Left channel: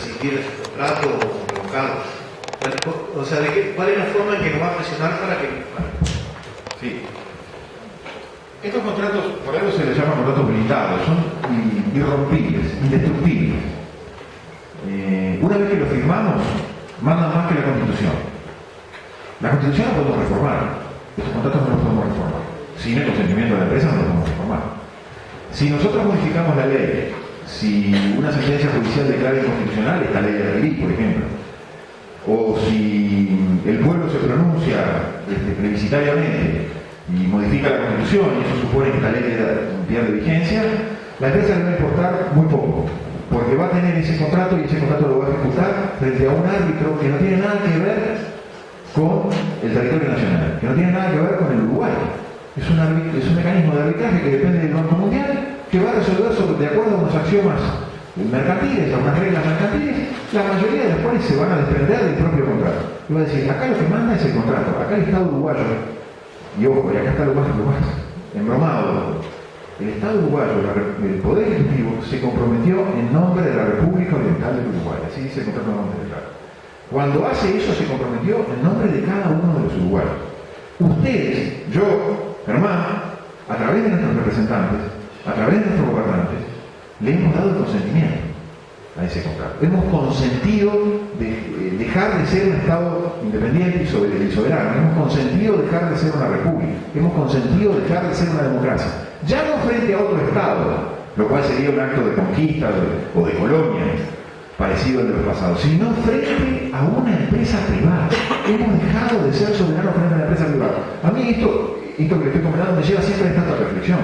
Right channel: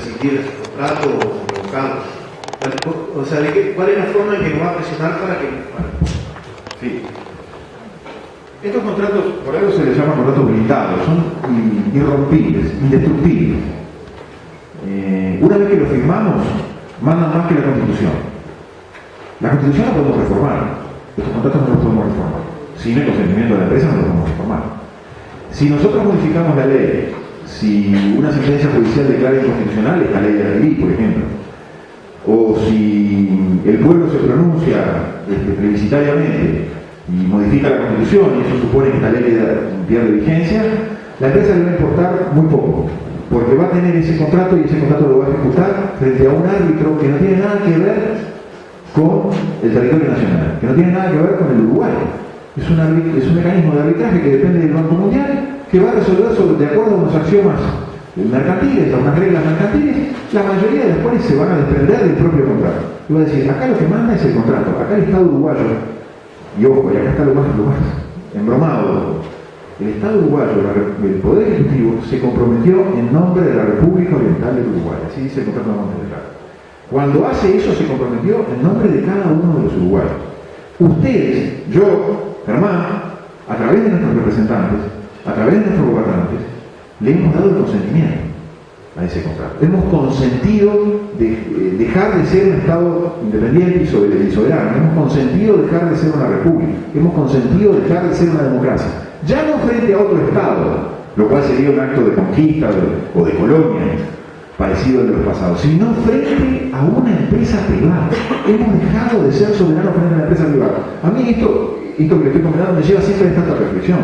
rescindir ese contrato o revocarlo. O sea, ¿cuál es la forma en que nos va a presionar para que... Sí. Estos contratos, por algo se les llama contratos blindados, son irrompibles, indestructibles. Una vez que lo firmamos, mandan más que la Constitución. La Constitución la podemos reformar, estos contratos no los podemos reformar. Sin el consentimiento de la empresa no los podemos reformar. Si nosotros modificamos la ley, si una sentencia judicial declara inconstitucional esta ley de la ley, por ejemplo, o si el pueblo se pronuncia plebiscitariamente y modifica la Constitución y eso supone que esta ley pierde vigencia, la empresa le va a importar muy poco, porque va a tener ese contrato y ese contrato lo va a ejecutar frente a un árbitro que no tiene nada que ver con el territorio nacional, que no tiene nada que ver con el Uruguay. Es un mecanismo de arbitraje que depende del Banco Mundial, que va a resolver de acuerdo a unos axiomas mercantiles, a unas reglas mercantiles, la mayoría de las cuales se van a desprender del propio contrato. Y va a decir, acá lo que manda es el contrato, acá el Estado uruguayo, y ojo, y acá está lo más embromado, el Estado uruguayo, el Poder Ejecutivo, se comprometió en nombre de la República Oriental del Uruguay, así dice el contrato de nombre del Estado. Cuando hace eso se comprometió en nombre de cada uno de los uruguayos. Ustedes, yo, Germán, a través de nuestros representantes, a través de nuestros gobernantes, le hemos dado el consentimiento a ese contrato. Hemos consentido dejar de ser un Estado independiente y soberano. Hemos consentido dejar de ser una república. Hemos consentido dejar de ser una democracia. Ya no frente a otro Estado, lo cual sería un acto de conquista o de colonia, parecido al de los pasados, sino frente a una empresa privada. Hemos dejado de ser soberanos frente a una empresa privada. A mí esto que le estoy comentando me lleva siempre a esta reflexión.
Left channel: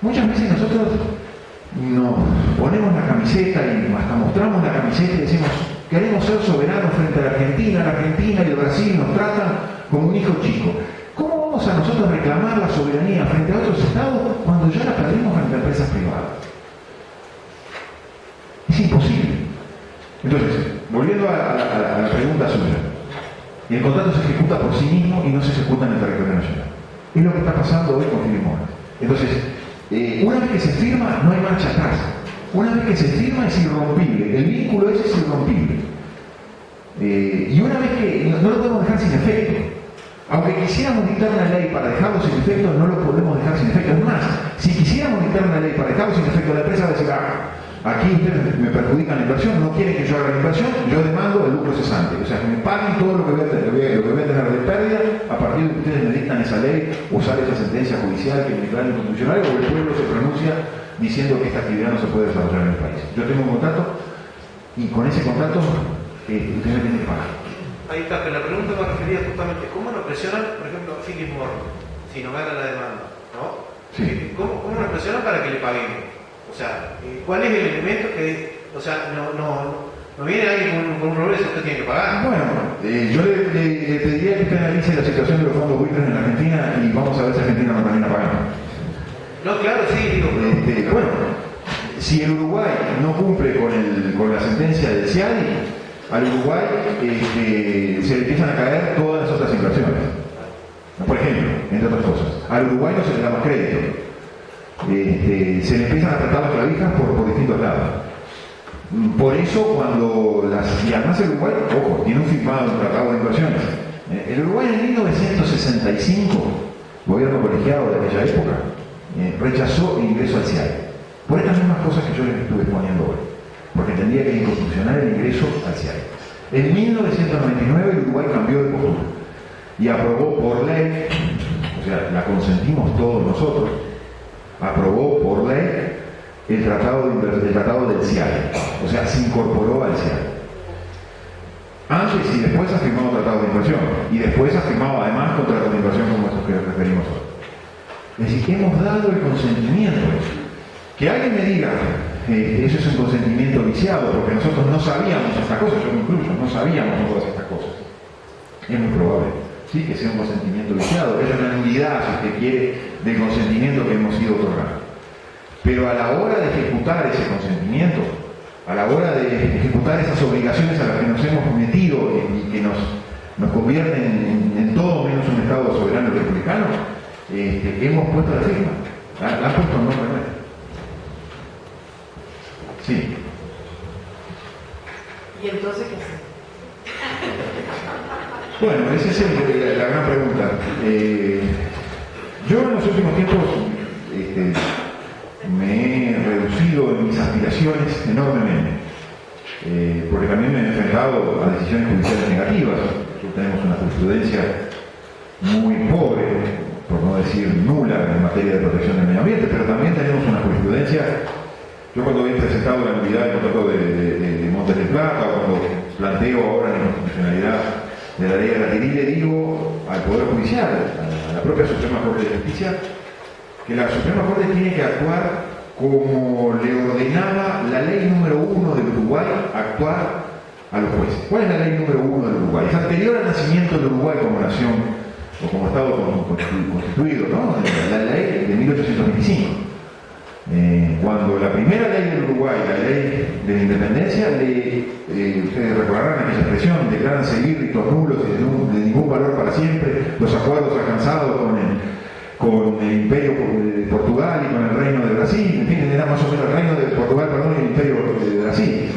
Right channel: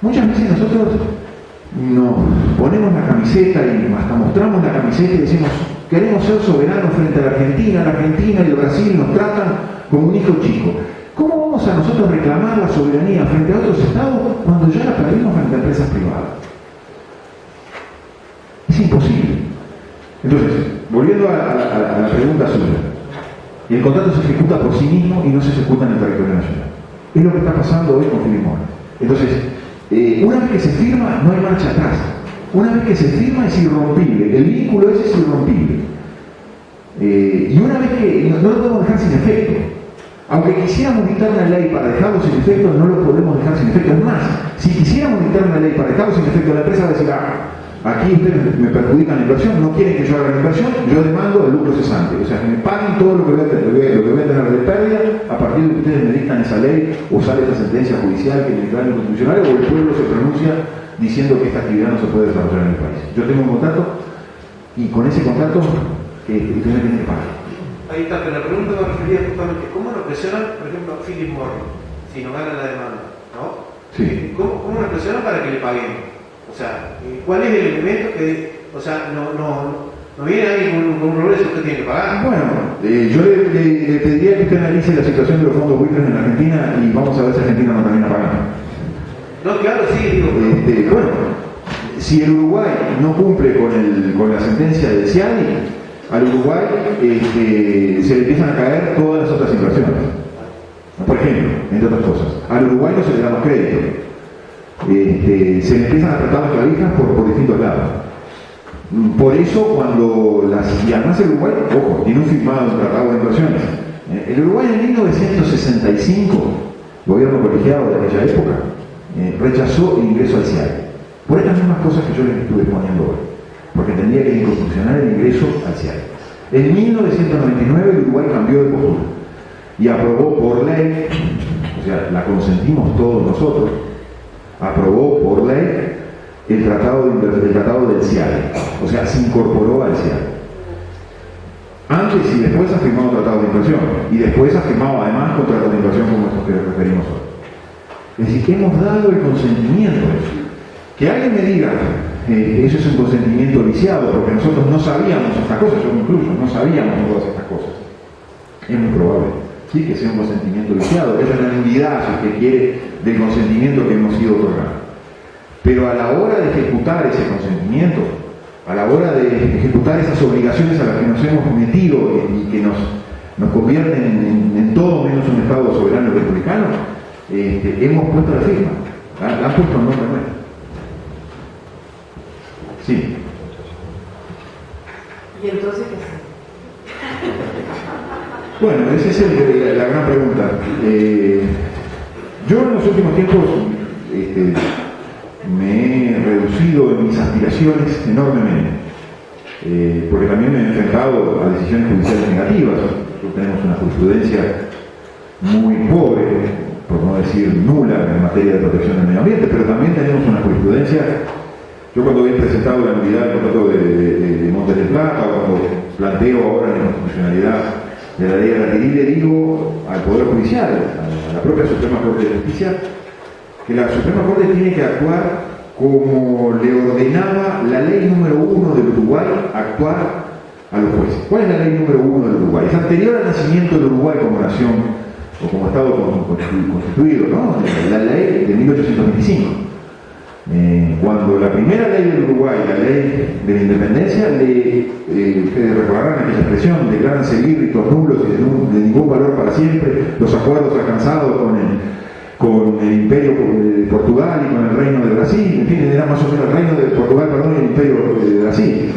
Muchas veces nosotros nos ponemos la camiseta y hasta mostramos la camiseta y decimos queremos ser soberanos frente a la Argentina y el Brasil nos tratan como un hijo chico. ¿Cómo vamos a nosotros reclamar la soberanía frente a otros estados cuando ya la perdimos frente a empresas privadas? Es imposible. Entonces, volviendo a la pregunta suya, el contrato se ejecuta por sí mismo y no se ejecuta en el territorio nacional. Es lo que está pasando hoy con Philip Morris. Entonces, una vez que se firma, no hay marcha atrás. Una vez que se firma es irrompible. El vínculo ese es irrompible. Y una vez que no lo podemos dejar sin efecto. Aunque quisiéramos dictar una ley para dejarlo sin efecto, no lo podemos dejar sin efecto. Es más, si quisiéramos dictar una ley para dejarlo sin efecto, la empresa va a decir, aquí ustedes me perjudican la inversión, no quieren que yo haga la inversión, yo demando el lucro cesante. O sea, que me paguen todo lo que voy a tener de pérdida a partir de que ustedes me dictan esa ley o sale esa sentencia judicial que me declara inconstitucional o el pueblo se pronuncia diciendo que esta actividad no se puede desarrollar en el país. Yo tengo un contrato y con ese contrato ustedes me tienen que pagar. Ahí está, pero la pregunta me refería justamente, ¿cómo nos presionan, por ejemplo, a Philip Morris, si nos gana la demanda? ¿No? Sí. ¿Cómo nos presionan para que le paguemos? O sea, ¿cuál es el elemento que, o sea, no viene alguien con un progreso que usted tiene que pagar? Bueno, yo le pediría que usted analice la situación de los fondos buitres en Argentina y vamos a ver si Argentina no termina pagando. No, claro, sí, digo. Bueno, si el Uruguay no cumple con la sentencia del CIADI, al Uruguay se le empiezan a caer todas las otras inversiones. Por ejemplo, entre otras cosas, al Uruguay no se le da más crédito. Se le empiezan a apretar las clavijas por distintos lados. Por eso y además el Uruguay, ojo, tiene un firmado un tratado de inversiones. El Uruguay en 1965, gobierno colegiado de aquella época, rechazó el ingreso al CIADI. Por estas mismas cosas que yo les estuve exponiendo hoy. Porque entendía que era inconstitucional el ingreso al CIADI. En 1999 el Uruguay cambió de postura y aprobó por ley, o sea, la consentimos todos nosotros, aprobó por ley el tratado del CIADI, o sea, se incorporó al CIADI. Antes y después ha firmado tratados de inversión, y después ha firmado además contratos de inversión como estos que referimos hoy. Es decir, que hemos dado el consentimiento a eso. Que alguien me diga, eso es un consentimiento viciado, porque nosotros no sabíamos estas cosas, yo me incluyo, no sabíamos todas estas cosas. Es muy probable, sí, que sea un consentimiento viciado, que haya una nulidad, si usted quiere, del consentimiento que hemos sido otorgados. Pero a la hora de ejecutar ese consentimiento, a la hora de ejecutar esas obligaciones a las que nos hemos metido y que nos convierten en todo menos un Estado soberano y republicano, hemos puesto la firma. La han puesto en nombre nuestro. Sí. ¿Y entonces qué hacemos? Bueno, esa es la gran pregunta. Yo en los últimos tiempos me he reducido en mis aspiraciones enormemente, porque también me he enfrentado a decisiones judiciales negativas. Nosotros tenemos una jurisprudencia muy pobre, por no decir nula, en materia de protección del medio ambiente, pero también tenemos una jurisprudencia. Yo cuando he presentado la nulidad del contrato de Montes del Plata, o cuando planteo ahora la inconstitucionalidad de la ley de la le digo al Poder Judicial, a la propia Suprema Corte de Justicia, que la Suprema Corte tiene que actuar como le ordenaba la ley número 1 del Uruguay actuar a los jueces. ¿Cuál es la ley número 1 del Uruguay? Es anterior al nacimiento del Uruguay como nación o como Estado constituido, ¿no? La ley de 1825. Cuando la primera ley del Uruguay, la ley de la independencia, ustedes recordarán aquella expresión, declaran seguir ritos nulos y de ningún valor para siempre los acuerdos alcanzados con el Imperio de Portugal y con el Reino de Brasil, en fin, era más o menos el Reino de Portugal, perdón, y el Imperio de Brasil.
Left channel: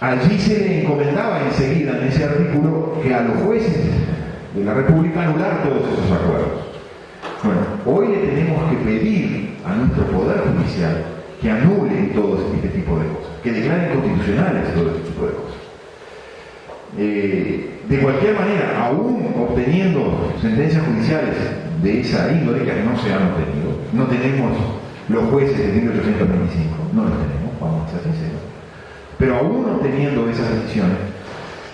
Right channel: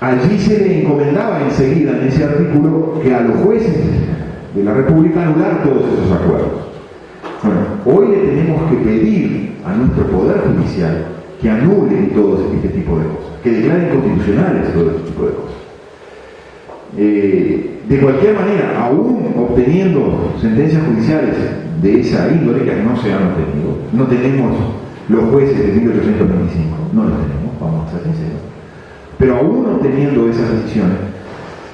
Allí se le encomendaba enseguida en ese artículo que a los jueces de la República anular todos esos acuerdos. Bueno, hoy le tenemos que pedir a nuestro Poder Judicial que anule todo este tipo de cosas, que declaren constitucionales todo este tipo de cosas. De cualquier manera, aún obteniendo sentencias judiciales de esa índole, que no se han obtenido, no tenemos los jueces de 1825, no los tenemos, vamos a ser sinceros, pero aún obteniendo esas decisiones,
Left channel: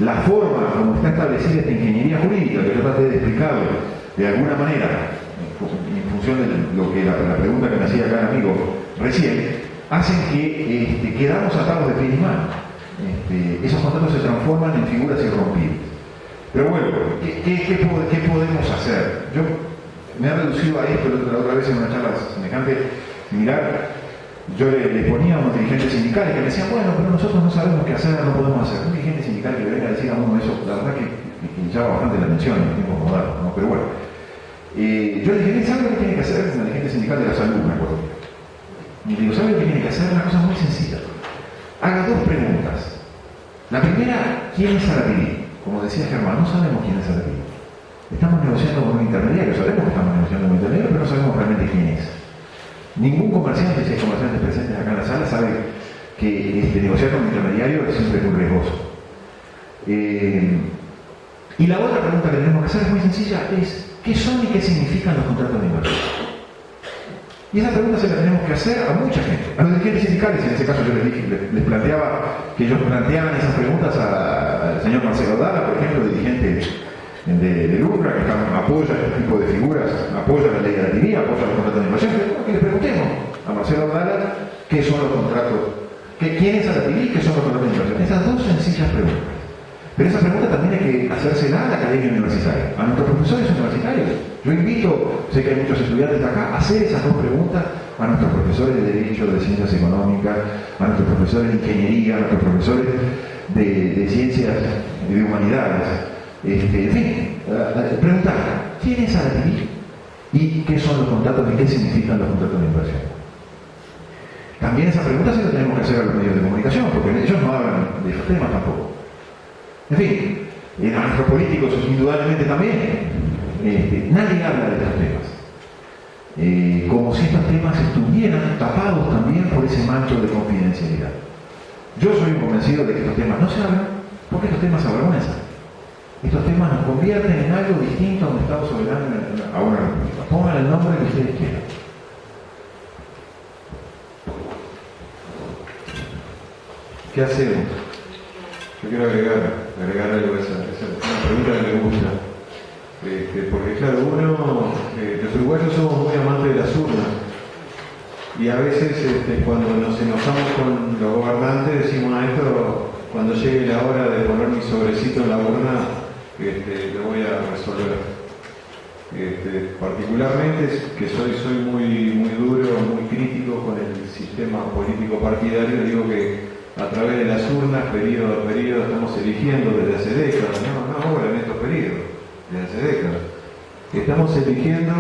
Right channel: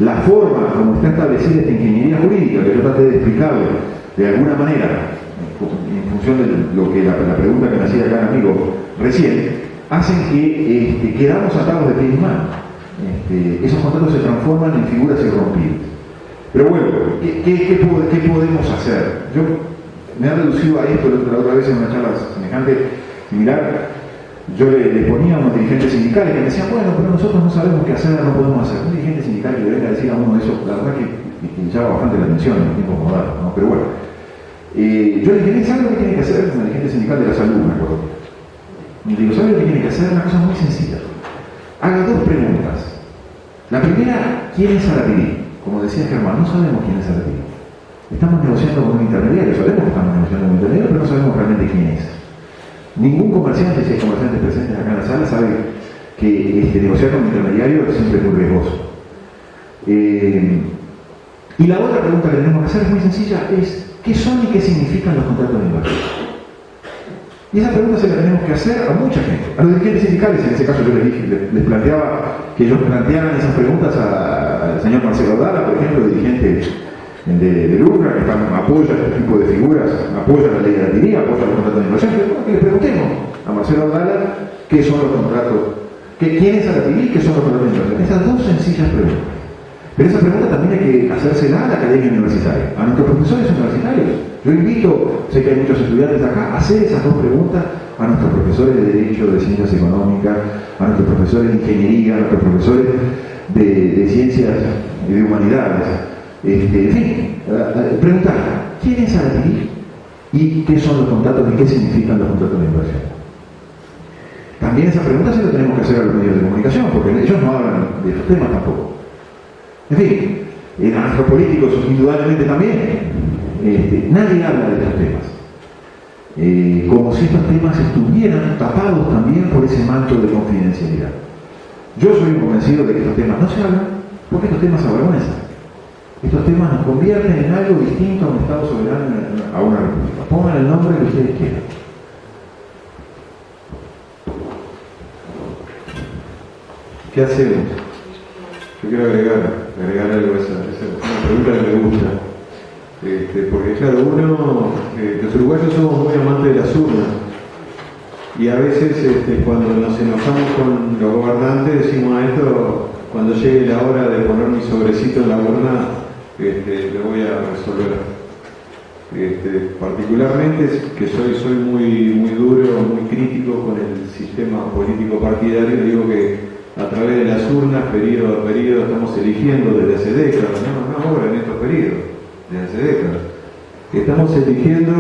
la forma como está establecida esta ingeniería jurídica, que yo traté de explicarlo de alguna manera, en función de lo que la pregunta que me hacía acá el amigo recién, hacen que quedamos atados de pies y manos. Esos contratos se transforman en figuras irrompibles. Pero bueno, ¿qué podemos hacer? Yo me he reducido a esto la otra vez en una charla semejante, similar. Yo le ponía a unos dirigentes sindicales que me decían, bueno, pero nosotros no sabemos qué hacer, no podemos hacer. Un dirigente sindical que le venga a decir a uno eso, la verdad que llama bastante la atención en los tiempos modernos, ¿no? Pero bueno. Yo le dije, ¿sabe lo que tiene que hacer un dirigente sindical de la salud? Me acuerdo. Y le digo, ¿sabe lo que tiene que hacer? Una cosa muy sencilla. Haga dos preguntas. La primera, ¿quién es Arapiri? Como decía Germán, no sabemos quién es Arapiri. Estamos negociando con un intermediario, sabemos que estamos negociando con un intermediario, pero no sabemos realmente quién es. Ningún comerciante, si hay comerciantes presentes acá en la sala, sabe que negociar con un intermediario es siempre muy riesgoso. Y la otra pregunta que tenemos que hacer es muy sencilla, es ¿qué son y qué significan los contratos de inversión? Y esa pregunta se la tenemos que hacer a mucha gente. A los dirigentes sindicales, en ese caso yo les planteaba que ellos plantearan esas preguntas al señor Marcelo Dala, por ejemplo, dirigente del UNRWA, que apoya este tipo de figuras, apoya la ley de la TINI, apoya los contratos de inversión. Que les preguntemos a Marcelo Dala qué son los contratos, quién es la TINI, qué son los contratos de inversión. Esas dos sencillas preguntas. Pero esa pregunta también hay que hacérsela a la academia universitaria, a nuestros profesores universitarios. Yo invito, sé que hay muchos estudiantes de acá, a hacer esas dos preguntas a nuestros profesores de Derecho, de Ciencias Económicas, a nuestros profesores de Ingeniería, a nuestros profesores de Ciencias y de Humanidades. En fin, preguntar, ¿quién es Arapiri? ¿Y qué son los contratos y qué significan los contratos de inversión? También esa pregunta se la tenemos que hacer a los medios de comunicación, porque ellos no hablan de esos temas tampoco. En fin, a nuestros políticos indudablemente también. Nadie habla de estos temas. Como si estos temas estuvieran tapados también por ese manto de confidencialidad. Yo soy convencido de que estos temas no se hablan porque estos temas avergüenzan. Estos temas nos convierten en algo distinto a un Estado soberano, a una república. Pongan el nombre que ustedes quieran. ¿Qué hacemos? Yo quiero agregar algo a esa una pregunta que me gusta. Porque claro, los uruguayos somos muy amantes de las urnas. Y a veces cuando nos enojamos con los gobernantes decimos a esto, cuando llegue la hora de poner mi sobrecito en la urna, lo voy a resolver. Particularmente que soy muy duro, muy crítico con el sistema político partidario, digo que a través de las urnas, periodo a periodo, estamos eligiendo desde hace décadas, no ahora en estos periodos, desde hace décadas. Estamos eligiendo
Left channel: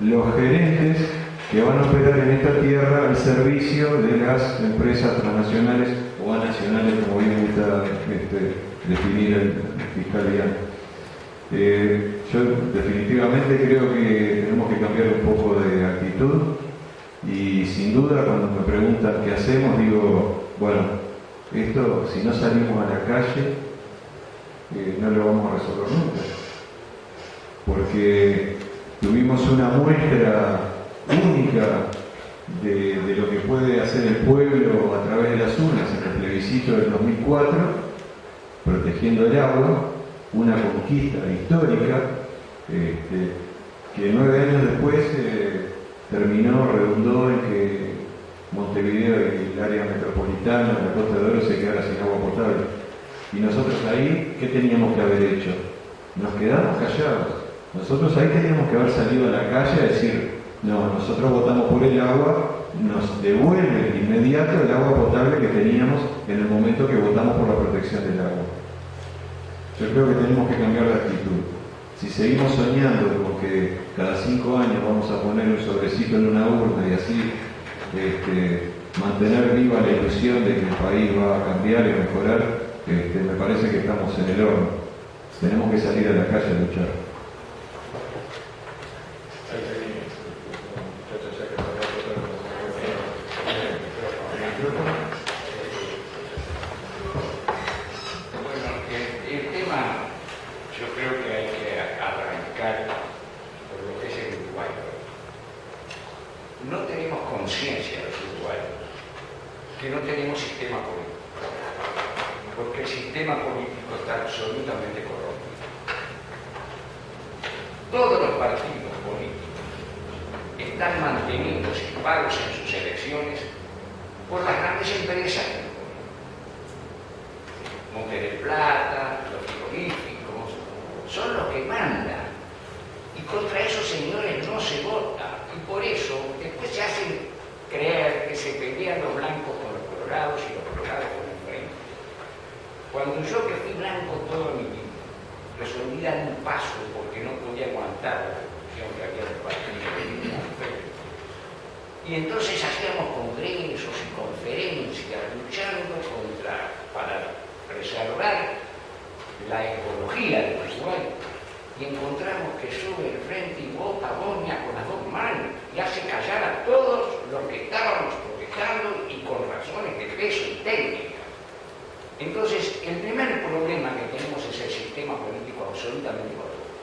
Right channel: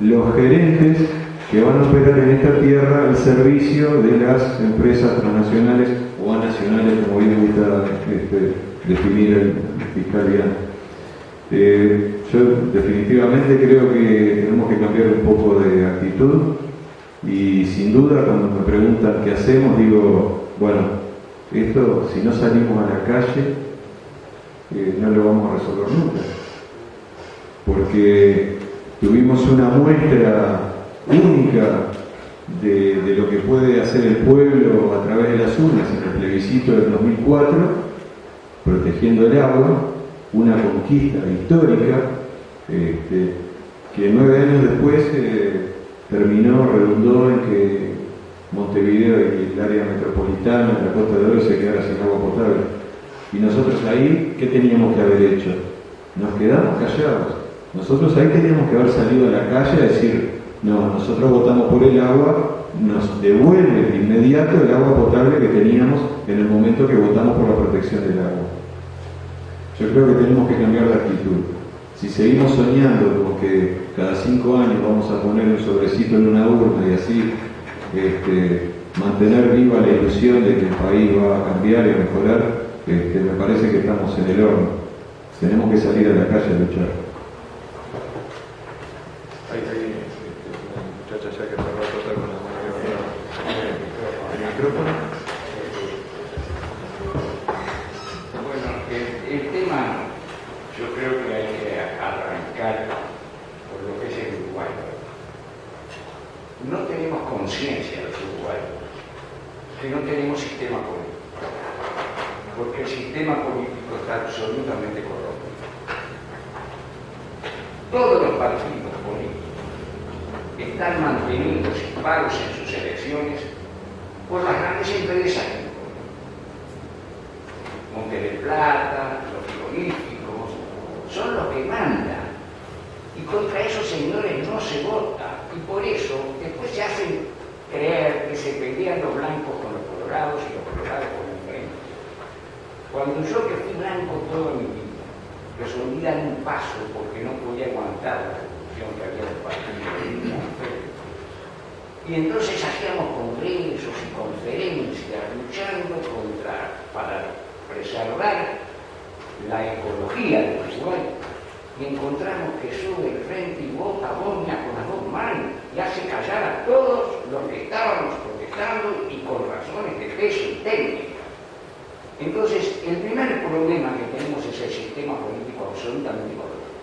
los gerentes que van a operar en esta tierra al servicio de las empresas transnacionales o nacionales, como bien gusta definir el fiscal bien. Yo definitivamente creo que tenemos que cambiar un poco de actitud y sin duda cuando me preguntan qué hacemos, digo, bueno, esto si no salimos a la calle no lo vamos a resolver nunca, porque tuvimos una muestra única de lo que puede hacer el pueblo a través de las urnas en el plebiscito del 2004, protegiendo el agua, una conquista histórica que 9 años después redundó en que Montevideo y el área metropolitana, la Costa de Oro, se quedara sin agua potable. Y nosotros ahí, ¿qué teníamos que haber hecho? Nos quedamos callados. Nosotros ahí teníamos que haber salido a la calle a decir, no, nosotros votamos por el agua, nos devuelve de inmediato el agua potable que teníamos en el momento que votamos por la protección del agua. Yo creo que tenemos que cambiar de actitud. Si seguimos soñando con que cada 5 años vamos a poner un sobrecito en una urna y así mantener viva la ilusión de que el país va a cambiar y a mejorar, me parece que estamos en el horno. Tenemos que salir a la calle a luchar. Muchacha ya que nos va a tratar con la mano el micrófono. Bueno, el tema yo creo que hay que arrancar por lo que es el Uruguay. No tenemos conciencia los uruguayos que no tenemos sistema político, porque el sistema político está absolutamente corrompido. Todos los partidos políticos están manteniéndose pagos en sus elecciones por las grandes empresas que nos ponen. Monte del Plata, los frigoríficos, son los que mandan. Y contra esos señores no se vota. Y por eso después se hacen creer que se pelean los blancos con los colorados y los colorados con el frente. Cuando yo que fui blanco toda mi vida, resolví dar un paso porque no podía aguantar la revolución que había del partido. Y entonces hacíamos congresos y conferencias luchando para preservar la ecología del Uruguay. Y encontramos que sube el frente y vota Boña con las 2 manos y hace callar a todos los que estábamos protestando y con razones de peso y técnica. Entonces, el primer problema que tenemos es el sistema político absolutamente corrupto,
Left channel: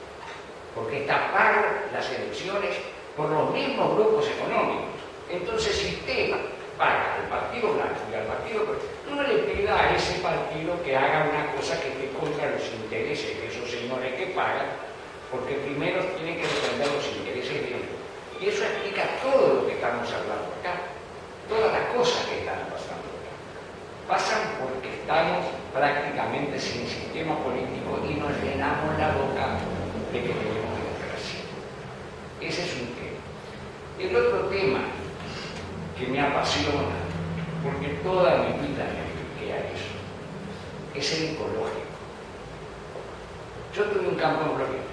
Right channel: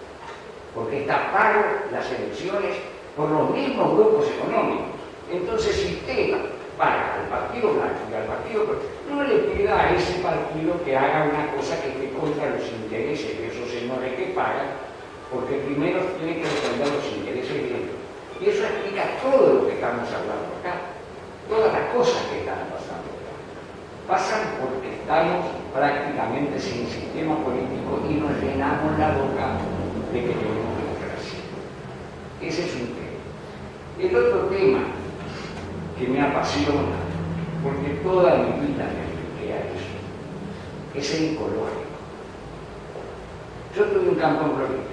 porque taparon las elecciones por los mismos grupos económicos. Entonces, si usted paga al partido blanco y al partido, no le pida a ese partido que haga una cosa que esté contra los intereses de esos señores que pagan, porque primero tienen que defender los intereses de ellos. Y eso explica todo lo que estamos hablando acá, todas las cosas que están pasando acá. Pasan porque estamos prácticamente sin sistema político y nos llenamos la boca de que tenemos democracia. Ese es un tema. El otro tema que me apasiona, porque toda mi vida me dediqué a eso, es el ecológico. Yo tuve un campo en Florida.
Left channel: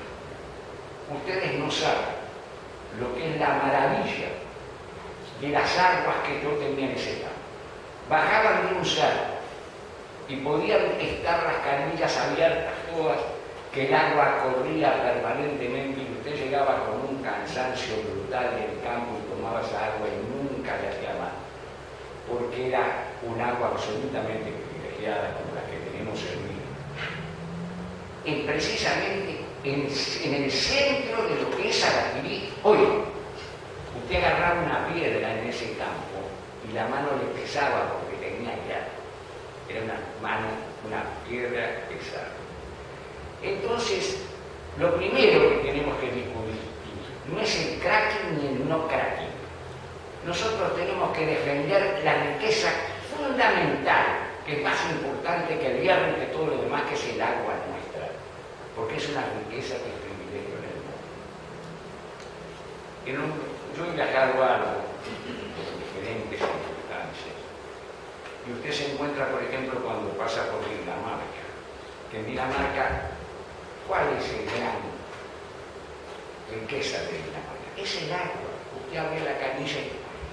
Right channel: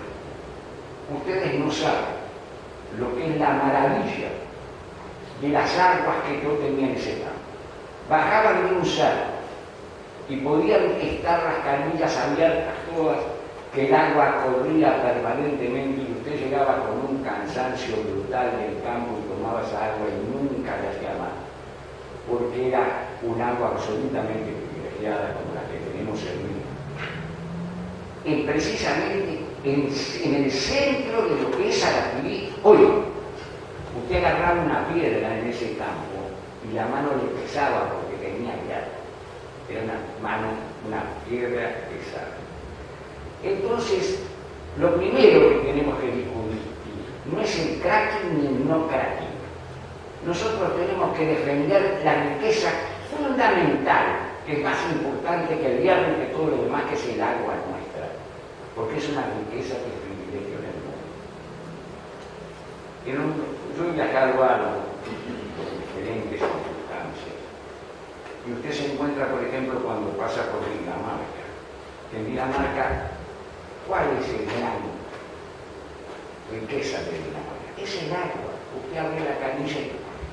Ustedes no saben lo que es la maravilla de las aguas que yo tenía en ese campo. Bajaban de un cerro y podían estar las canillas abiertas todas, que el agua corría permanentemente y usted llegaba con un cansancio brutal del campo y tomaba esa agua y nunca le hacía mal, porque era un agua absolutamente privilegiada como la que tenemos en Lima. Y precisamente en el centro de lo que es Arapirí, hoy, usted agarraba una piedra en ese campo y la mano le pesaba porque tenía hierro. Era una piedra pesada. Entonces, lo primero que tenemos que discutir no es el cracking ni el no cracking. Nosotros tenemos que defender la riqueza fundamental, que es más importante que el hierro y que todo lo demás, que es el agua nuestra, porque es una riqueza que es privilegio en el mundo. Yo he viajado algo por diferentes circunstancias, y usted se encuentra, por ejemplo, cuando pasa por Dinamarca, que en Dinamarca, ¿cuál es el gran riqueza de Dinamarca? Es el agua. Usted abre la canilla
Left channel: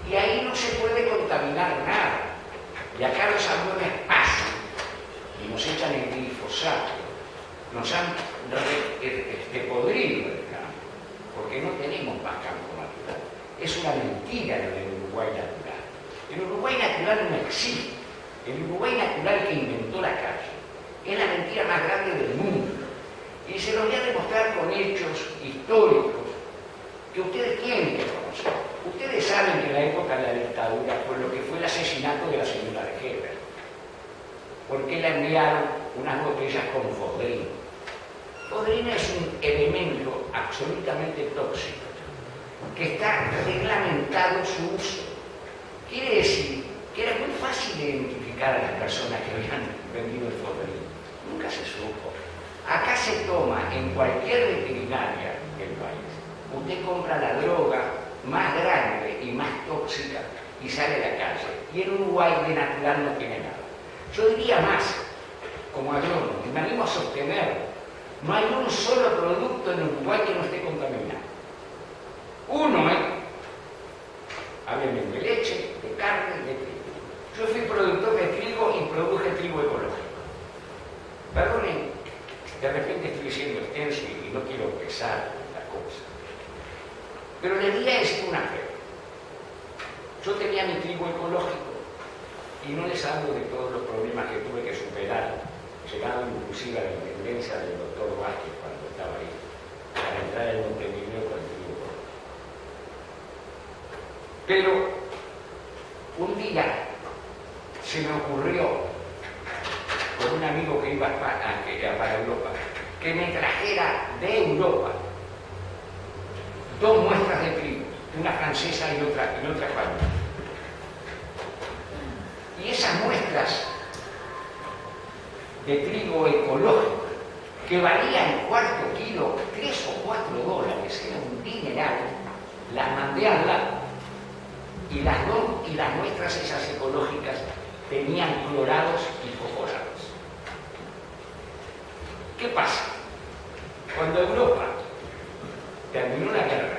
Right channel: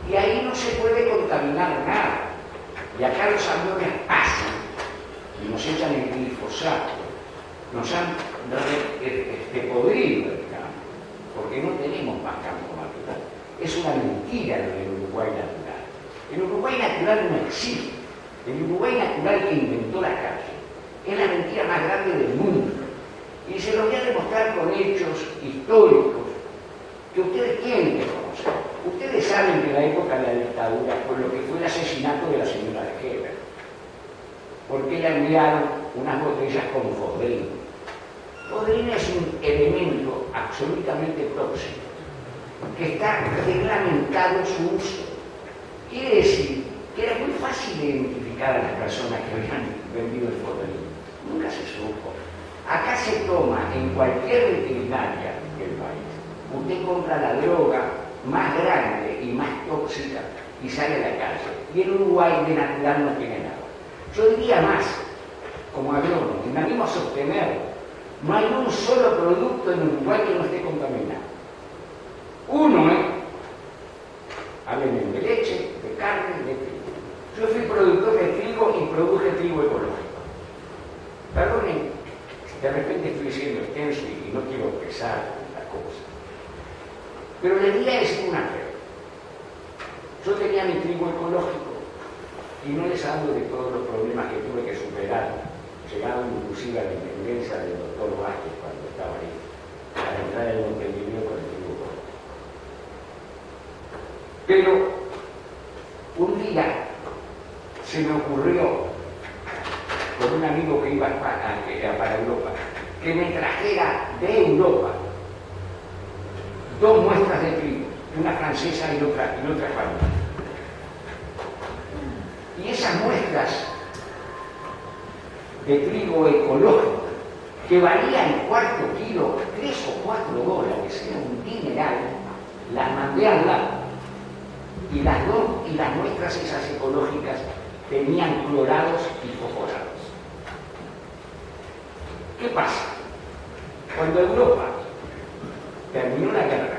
y ahí no se puede contaminar nada. Y acá los aviones pasan y nos echan el actos nos han podrido el campo, porque no tenemos más campo natural. Es una mentira lo del Uruguay natural. El Uruguay natural no existe. El Uruguay natural que inventó la calle es la mentira más grande del mundo. Y se lo voy a demostrar con hechos históricos que ustedes tienen que conocer. Ustedes saben que en la época de la dictadura fue lo que fue el asesinato de la señora de Heber, porque le enviaron unas botellas con fodrino. Fodrino es un elemento absolutamente tóxico, que está reglamentado su uso. Quiere decir que era muy fácil identificar a las personas que habían vendido el fodrino. Nunca se supo. Acá se toma en cualquier veterinaria del país. Usted compra la droga más grande y más tóxica y sale a la calle. Y en Uruguay de natural no tiene nada. Yo diría más, como agrónomo, y me animo a sostenerlo, no hay un solo producto en Uruguay que no esté contaminado. Uno, háblenme de leche, de carne, de trigo. Yo fui productor de trigo y produje trigo ecológico. Perdonen, de repente estoy siendo extenso y no quiero pesar la cosa. Pero le voy a decir una fe. Yo tenía mi trigo ecológico y no les hablo de todos los problemas que tuve que superar, llegado inclusive a la intendencia del doctor Vázquez cuando estaba ahí, para entrar en Montevideo con el trigo ecológico. Pero un día se me ocurrió, con un amigo que iba para Europa, que me trajera de Europa 2 muestras de trigo, una francesa y otra española. Y esas muestras de trigo ecológico, que valían cuarto kilo, $3 o $4, era un dineral, las mandé al lado. Y las muestras esas ecológicas tenían clorados y fosforados. ¿Qué pasa? Cuando Europa terminó la guerra,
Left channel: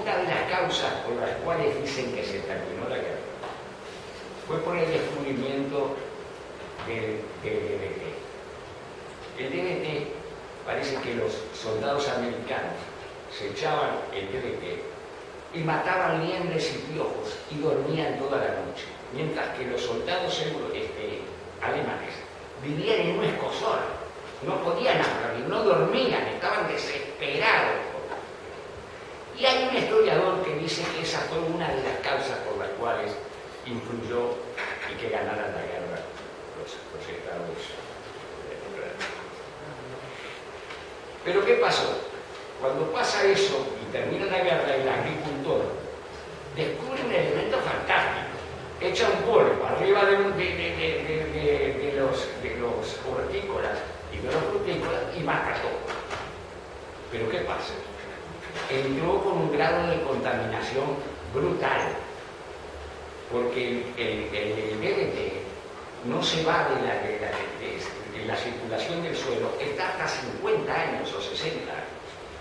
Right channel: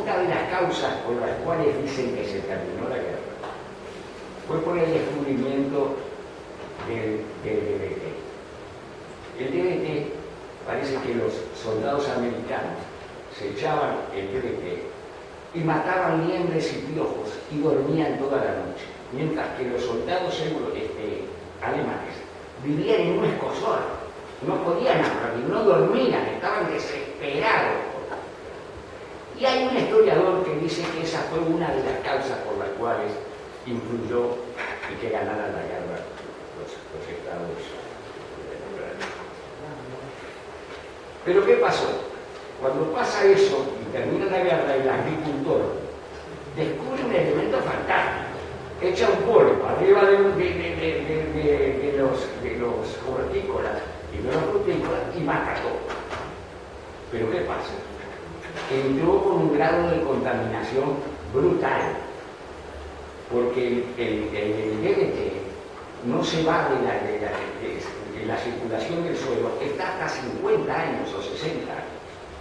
una de las causas por las cuales dicen que se terminó la guerra fue por el descubrimiento del DDT. El DDT, parece que los soldados americanos se echaban el DDT y mataban liendres y piojos y dormían toda la noche, mientras que los soldados alemanes vivían en un escozor, no podían hablar y no dormían, estaban desesperados. Y hay un historiador que dice que esa fue una de las causas por las cuales influyó y que ganaran la guerra los Estados Unidos. Pero ¿qué pasó? Cuando pasa eso y termina la guerra, el agricultor descubre un elemento fantástico. Echa un polvo arriba de los hortícolas y de los frutícolas y mata todo. Pero ¿qué pasa? Entró con un grado de contaminación brutal, porque el DDT no se va de la circulación del suelo, está hasta 50 años o 60 años.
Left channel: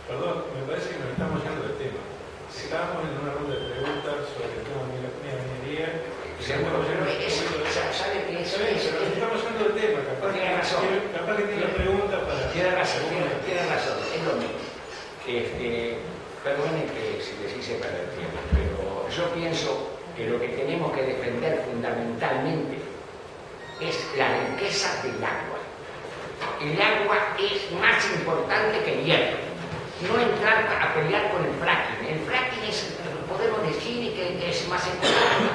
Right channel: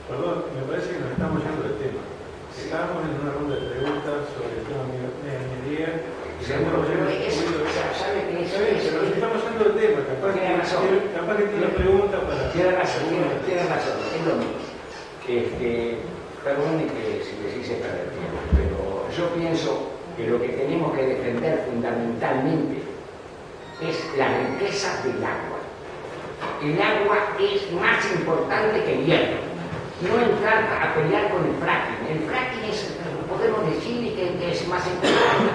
Perdón, me parece que nos estamos yendo del tema. Estábamos en una ronda de preguntas sobre el tema de la minería. Seguro, pero ¿sabe qué es? Pero estamos yendo del tema. Tiene razón. Capaz que tiene pregunta para... Tiene razón, es lo mismo. Perdone que si les hice perder tiempo, pero yo pienso que lo que tenemos que defender fundamentalmente es la riqueza del agua. El agua es más importante que el hierro. No entrar a pelear con el fracking. El fracking podemos decir que es más importante.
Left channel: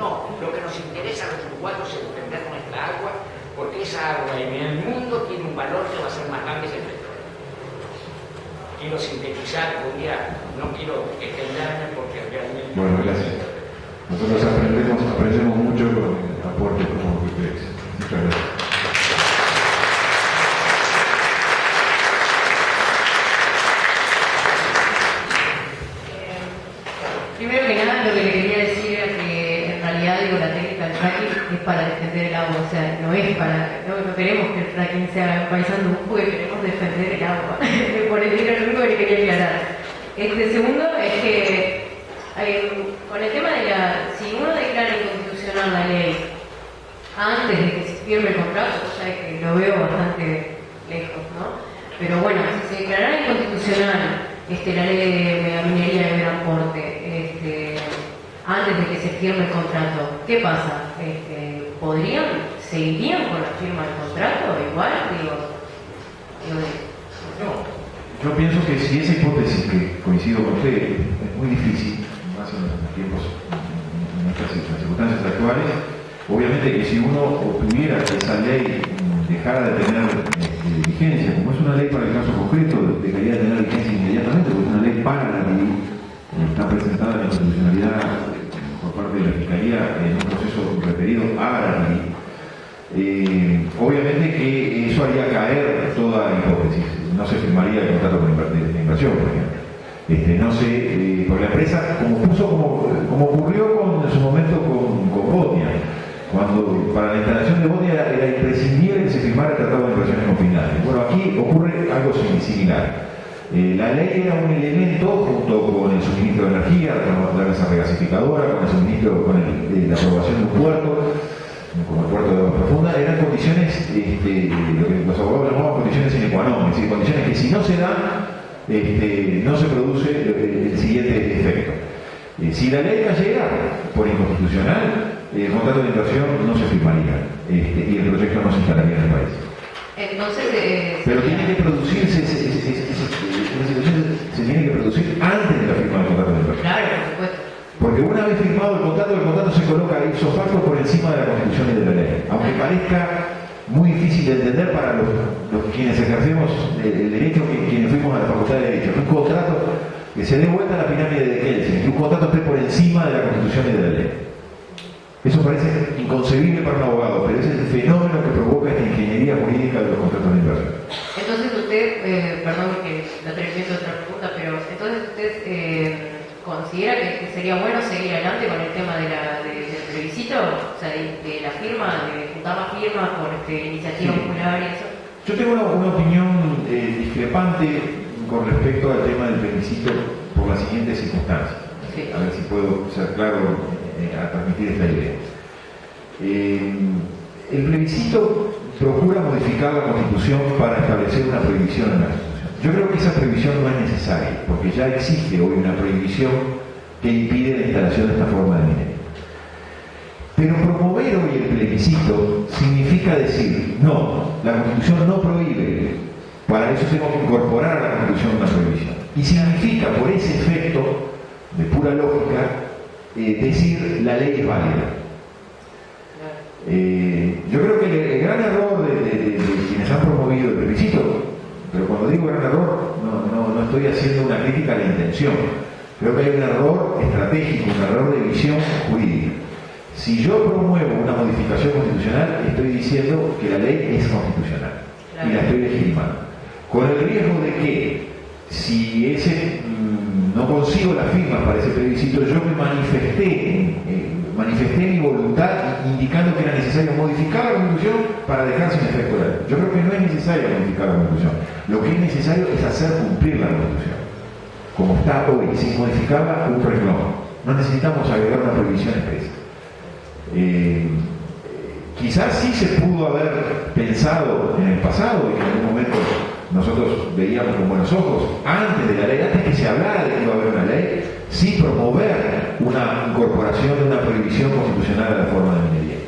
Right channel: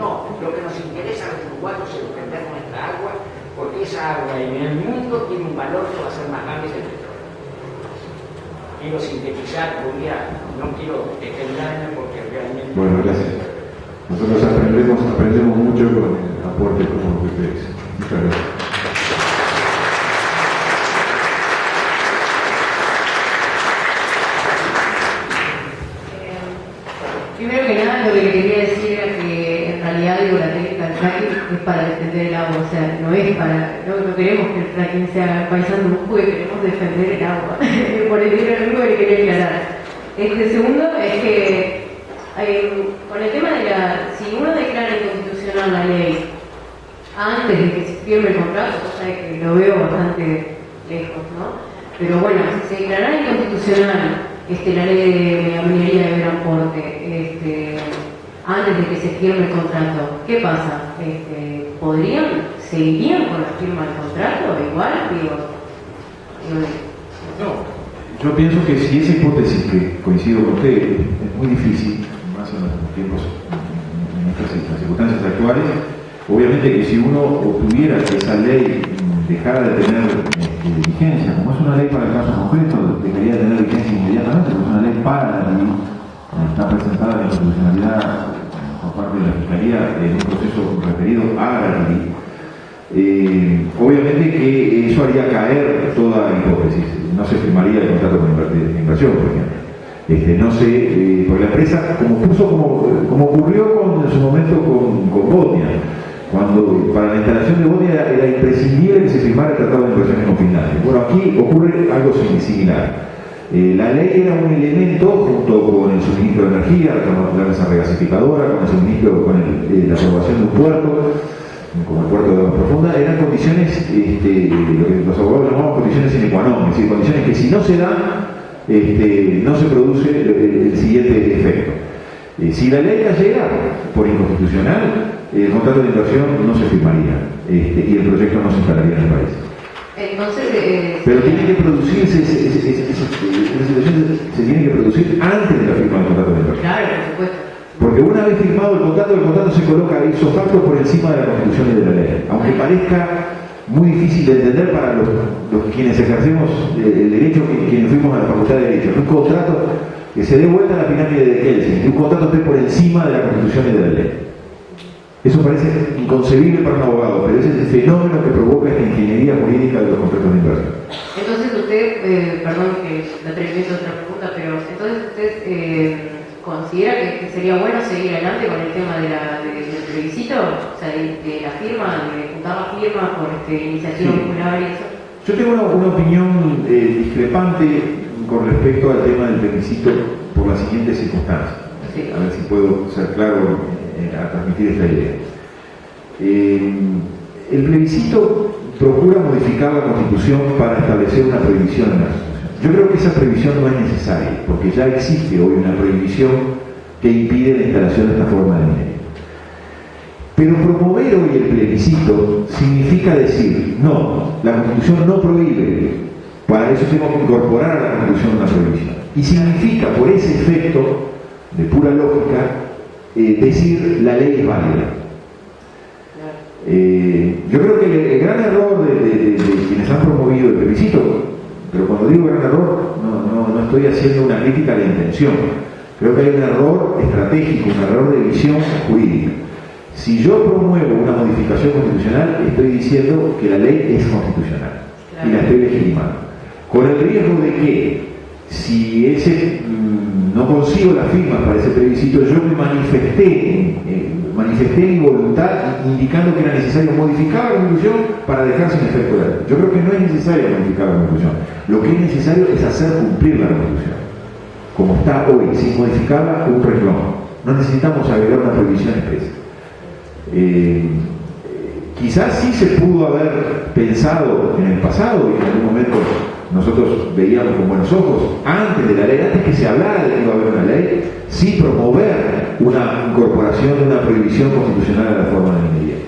No, lo que nos interesa a los uruguayos es defender nuestra agua, porque esa agua en el mundo tiene un valor que va a ser más grande que el petróleo. Quiero sintetizar, no quiero extenderme porque realmente... Bueno, gracias. Nosotros aprendemos mucho con el aporte como que ustedes. Muchas gracias. Primero que nada, lo que le quería decir era que en realidad la técnica del fracking es para defender el agua, o sea, no queremos que el fracking sea paisando un juego, queremos defender el agua. Por eso era lo único que le quería aclarar. Segundo es que con el tema de si uno declara inconstitucional la ley antes de que se firme el contrato, ya que lo veo bastante lejos, ¿no? Pero bueno, si se declarara inconstitucional la ley de minería de gran porte, antes de que se firme el contrato, ¿qué pasa? ¿Seguirían con la firma del contrato? Igual, No, yo pienso que si esa hipótesis, que coincido con usted, es muy difícil, más en los tiempos, en estas circunstancias actuales, obviamente que si uno obtuviera que esa ley dejara de tener vigencia, como es una ley para el caso concreto, debería tener vigencia inmediatamente, porque es una ley para la ley, está presentada en la institucionalidad por parte de la Fiscalía en un proceso referido a la ley. Obviamente que eso haría caer toda hipótesis, no se firmaría el contrato de inversión, por ejemplo. No sé, porque la empresa, como ocurrió en su momento con Botnia, cuando para la instalación de Botnia era imprescindible que se firmara el tratado de inversiones con Finlandia. Bueno, aquí ocurre algo similar. La ley era un elemento, junto con el suministro de energía, la mesa regasificadora, con el suministro, con la aprobación de un puerto, como el puerto de agua profunda, eran condiciones, lo que los abogados llamaban condiciones sine qua non, es decir, condiciones que si no se dan, no se produce el siguiente efecto. Si la ley cayera por inconstitucional, el contrato de inversión no se firmaría y el proyecto no se instalaría en el país. Entonces, pero tiene que producirse, esa situación se tiene que producir antes de la firma del contrato de inversión. Claro, por supuesto. Porque una vez firmado el contrato se coloca ipso facto por encima de la Constitución y de la ley. Aunque parezca muy difícil de entender para los quienes ejercemos el derecho, quienes fuimos a la Facultad de Derecho, un contrato que se dé vuelta a la pirámide de Kelsen, que un contrato esté por encima de la Constitución y de la ley. Eso parece inconcebible para un abogado, pero ese es el fenómeno que provoca esta ingeniería jurídica de los contratos de inversión. Entonces usted, perdón que la termine otra pregunta, pero entonces usted considera que sería bueno seguir adelante con el tema del plebiscito, o sea, de la firma, de juntar la firma por iniciativa popular y eso. Yo tengo una opinión discrepante con respecto al tema del plebiscito por las siguientes circunstancias. Sí. A ver si puedo ser claro a transmitir esta idea. El plebiscito procura modificar la Constitución para establecer una prohibición en la Constitución. Yo creo que esa prohibición no es necesaria, porque ya existe hoy una prohibición que impide la instalación de esta forma de minería. Pero promover hoy el plebiscito significa decir, no, la Constitución no prohíbe, para eso tenemos que incorporar a la Constitución una prohibición. Y significa, por ese efecto de pura lógica, decir la ley es válida. Yo creo que el gran error de quienes han promovido el plebiscito, pero cuando digo gran error, no estoy haciendo una crítica a la intención. Creo que hay un error estratégico, un error de visión jurídica. Si yo promuevo una modificación constitucional, estoy diciendo que la ley es constitucional y la estoy legitimando. Con el riesgo de que, si no consigo las firmas para ese plebiscito, yo me manifesté mi voluntad indicando que era necesario modificar la Constitución para dejar sin efecto la ley. Yo creo que no es necesario modificar la Constitución. Lo que es necesario es hacer cumplir la Constitución. Como está hoy, sin modificarla, un renglón. No necesitamos agregar una prohibición expresa. Quizás sí se pudo haber pensado en el pasado y en algún momento nosotros veíamos con buenos ojos, antes de la ley, antes que se hablara de que iba a haber una ley, sí promover una incorporación de una prohibición constitucional a la reforma de minería.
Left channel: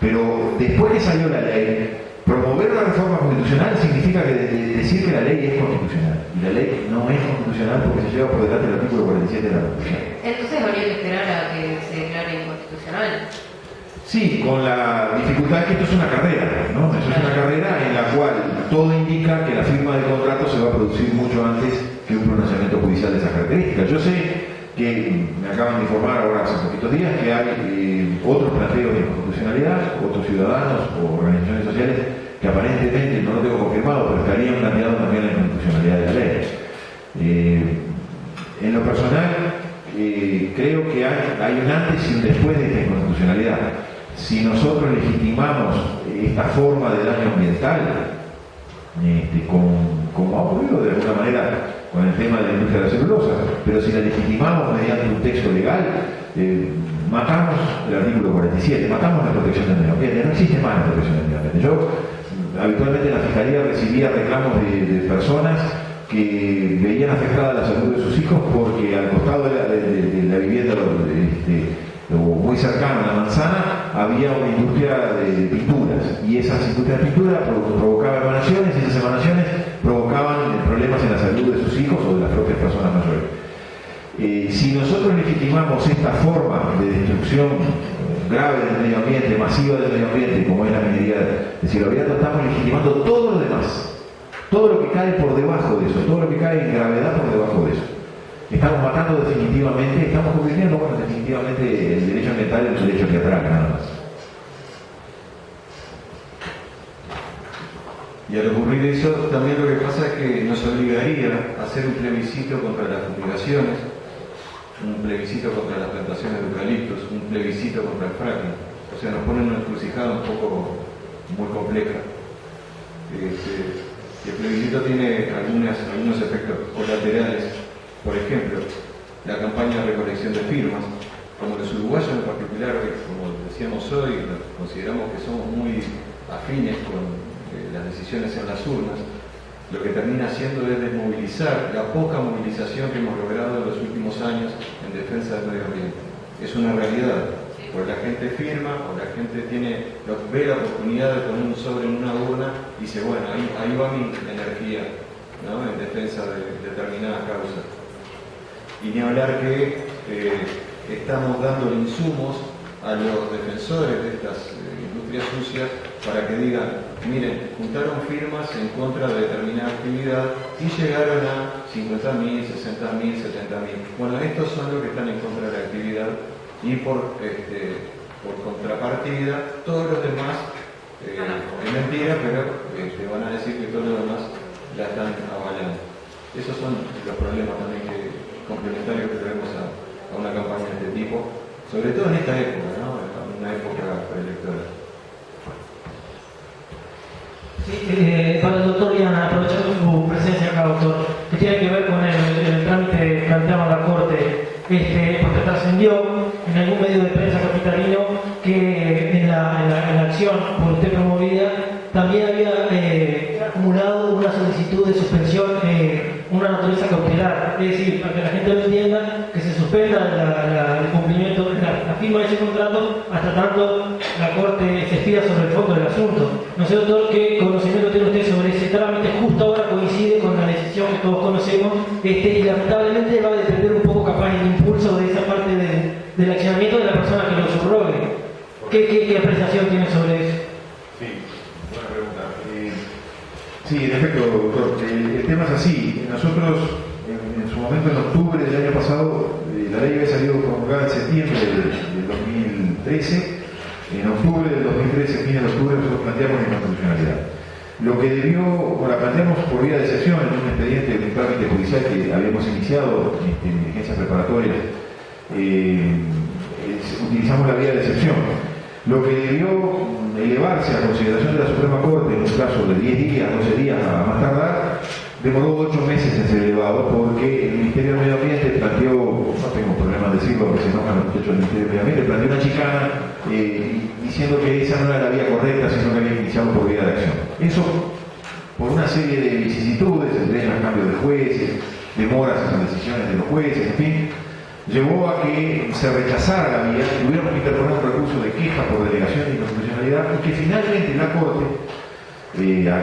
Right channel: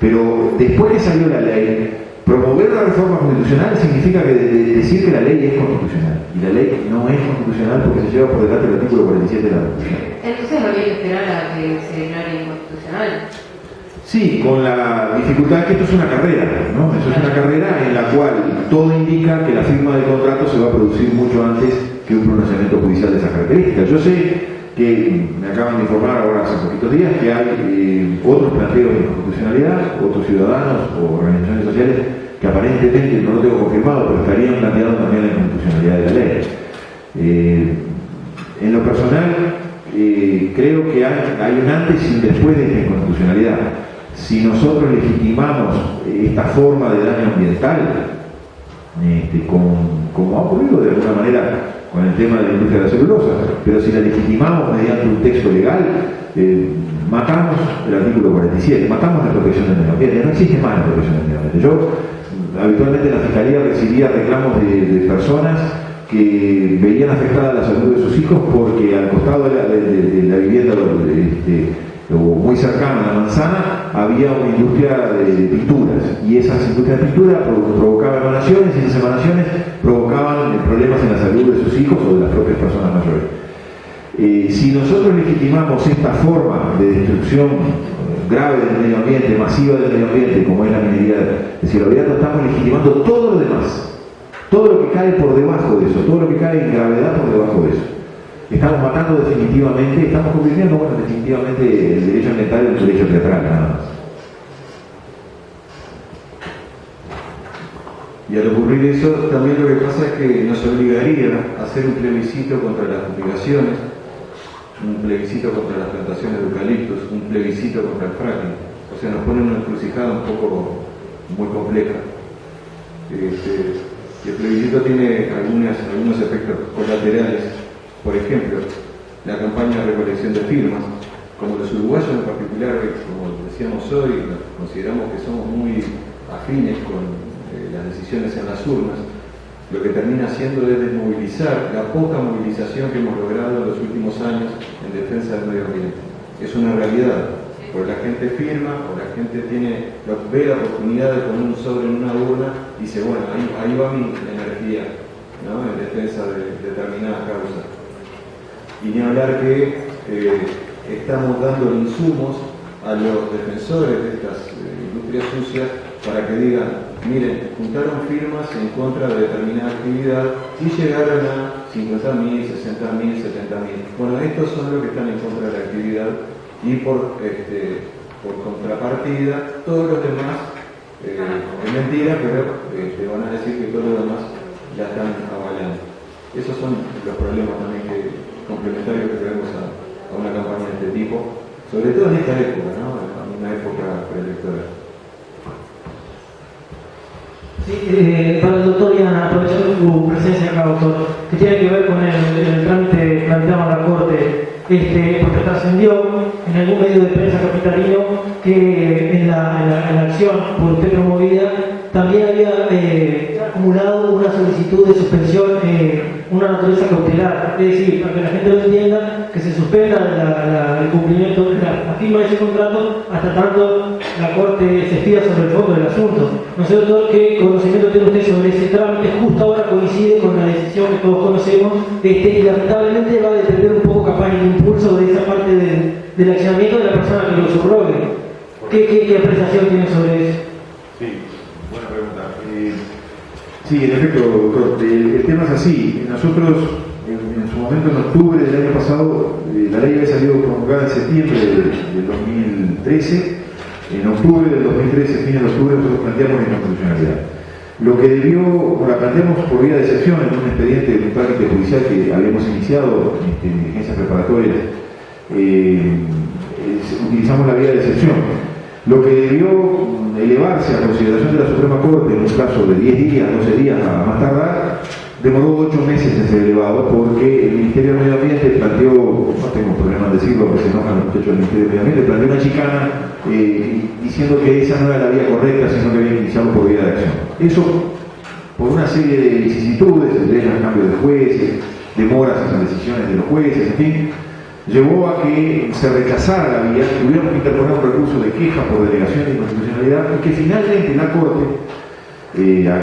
Pero después que salió la ley, promover la reforma constitucional significa decir que la ley es constitucional. Y la ley no es constitucional porque se lleva por delante el artículo 47 de la Constitución. Entonces habría que esperar a que se declare inconstitucional. Sí, con la dificultad que esto es una carrera, ¿no? Eso es una carrera en la cual todo indica que la firma del contrato se va a producir mucho antes que un pronunciamiento judicial de esa característica. Yo sé que me acaban de informar ahora hace poquitos días que hay otros planteos de constitucionalidad, otros ciudadanos o organizaciones sociales que aparentemente, no lo tengo confirmado, pero estarían planteando también la inconstitucionalidad de la ley. En lo personal, creo que hay un antes y un después de esta inconstitucionalidad. Si nosotros legitimamos esta forma de daño ambiental, como ha ocurrido de alguna manera con el tema de la industria de la celulosa, pero si la legitimamos mediante un texto legal, matamos el artículo 47, matamos la protección del medio ambiente, no existe más la protección del medio ambiente. Yo habitualmente en la Fiscalía recibía reclamos de personas que veían afectada la salud de sus hijos porque al costado de la vivienda, muy cercano a la manzana, había una industria de pinturas, y esas industrias de pintura provocaban emanaciones, y esas emanaciones provocaban problemas en la salud de sus hijos o de las propias personas mayores. Si nosotros legitimamos esta forma de destrucción grave del medio ambiente, masiva del medio ambiente, como es la minería de cielo abierto, estamos legitimando todo lo demás. Todo lo que cae por debajo de eso, todo lo que cae en gravedad por debajo de eso. Estamos matando definitivamente, estamos convirtiendo definitivamente el derecho ambiental en el derecho teatral, nada más. Y al ocurrir eso, también lo que pasa es que nos obligaría a hacer un plebiscito contra las fumigaciones, un plebiscito contra las plantaciones de eucaliptos, un plebiscito contra el fracking. O sea, nos pone una encrucijada un poco muy compleja. El plebiscito tiene algunos efectos colaterales. Por ejemplo, la campaña de recolección de firmas. Como los uruguayos en particular, como decíamos hoy, consideramos que somos muy afines con las decisiones en las urnas, lo que termina haciendo es desmovilizar la poca movilización que hemos logrado en los últimos años en defensa del medio ambiente. Es una realidad, porque la gente firma, o la gente ve la oportunidad de poner un sobre en una urna y dice, bueno, ahí va mi energía, ¿no?, en defensa de determinadas causas. Y ni hablar que estamos dando insumos a los defensores de estas industrias sucias para que digan, miren, juntaron firmas en contra de determinada actividad y llegaron a 50.000, 60.000, 70.000. Bueno, estos son los que están en contra de la actividad, y por contrapartida, todos los demás, es mentira, pero van a decir que todos los demás la están avalando. Esos son los problemas también complementarios que tenemos a una campaña de este tipo, sobre todo en esta época, ¿no?, en una época preelectoral. Sí, para el doctor, ya aprovechando su presencia acá, doctor, que tiene que ver con el trámite que planteaba la Corte, porque trascendió en algún medio de prensa capitalino que en la acción por usted promovida también había acumulado una solicitud de suspensión, una naturaleza cautelar, es decir, para que la gente lo entienda, que se suspenda el cumplimiento, la firma de ese contrato hasta tanto la Corte se estira sobre el fondo del asunto. No sé, doctor, qué conocimiento tiene usted sobre ese trámite. Justo ahora coincide con la decisión que todos conocemos, y lamentablemente va a depender un poco capaz el impulso de esa parte del accionamiento de la persona que lo subrogue. ¿Qué apreciación tiene sobre eso? Sí, buena pregunta. Sí, en efecto, doctor, el tema es así. Nosotros, en su momento, en octubre del año pasado, la ley había salido promulgada en septiembre del 2013. En octubre del 2013, fines de octubre, nosotros planteamos la inconstitucionalidad. Lo que la planteamos por vía de excepción en un expediente de un trámite judicial que habíamos iniciado en diligencias preparatorias. Utilizamos la vía de excepción. Lo que debió elevarse a consideración de la Suprema Corte en un plazo de 10 días, 12 días a más tardar, demoró 8 meses en ser elevado, porque el Ministerio del Medio Ambiente planteó, no tengo problema en decirlo porque se enojan los muchachos del Ministerio del Medio Ambiente, planteó una chicana diciendo que esa no era la vía correcta, sino que había iniciado por vía de acción. Eso, por una serie de vicisitudes, entre ellas cambios de jueces, demoras en las decisiones de los jueces, en fin, llevó a que se rechazara la vía, tuvieron que interponer un recurso de queja por delegación de inconstitucionalidad, y que finalmente la Corte,